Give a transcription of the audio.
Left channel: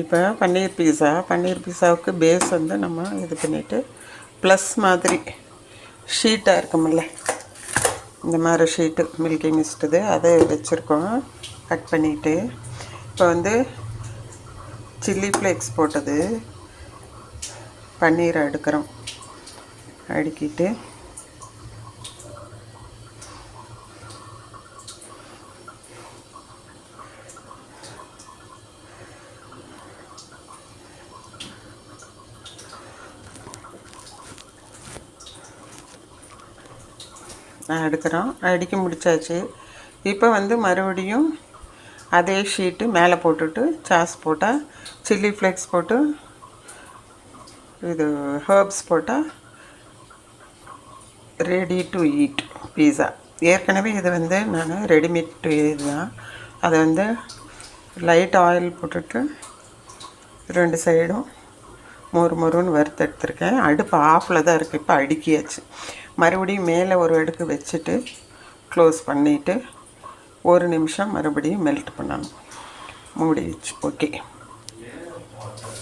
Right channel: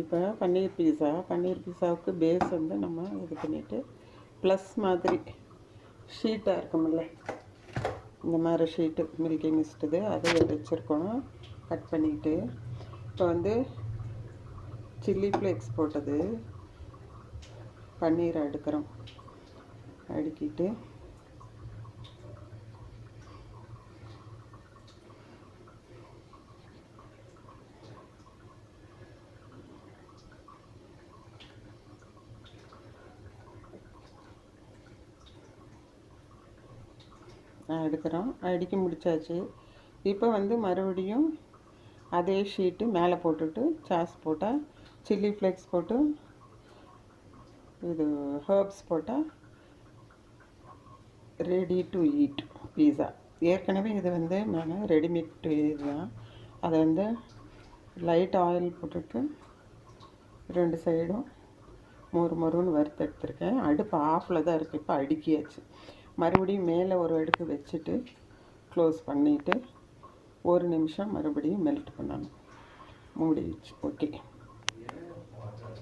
இப்போ பன்னீர் பீஸாவுக்கு பேஸ் வந்து நம்ம இது பண்ணிவிட்டு ப்ளஸ் மாதிரி ஷீட்டாக இருக்குமில்ல, இந்த மாதிரி ஷீட்டு மில்கி மிஸ்ட்டுது அதை வச்சுருக்கோம் கட் பண்ணிவிட்டு. இப்போ வந்து சில்லி ஃப்ளேக்ஸ் போட்டது பன்னீரை அடுக்கிறோம். அடுக்கிட்டு எடுக்கிறோம். அடுக்கி முடித்தாச்சு. இப்போ வந்து மறுபடியும் அதே ஷீட்டு மேலே போட்டுட்டு சாஸ் போட்டால், சில்லி ஃப்ளேக்ஸ் போட்டு இது ஹர்ப்ஸ் போட்டால் ரெடி டு ஈட் பீஸா. ஏற்கனவே இது வந்து நான் ரெடிமேட் இதுதான். அதை வந்து லைட் ஆயில் போட்டுட்டு 2 சைடும் மொறுன்னு வறுத்து எடுத்துருக்கேன். அடுப்பு ஆஃபில் தான் இருக்குது. இப்போ அடுக்கியாச்சு. மறுபடியும் மேலே ஒரு அடுக்கு வச்சுட்டு க்ளோஸ் பண்ணிவிட்டு 1 நிமிஷம் மறுபடியும் மெல்ட் பண்ணணும். மூடி வச்சு. ஓகே.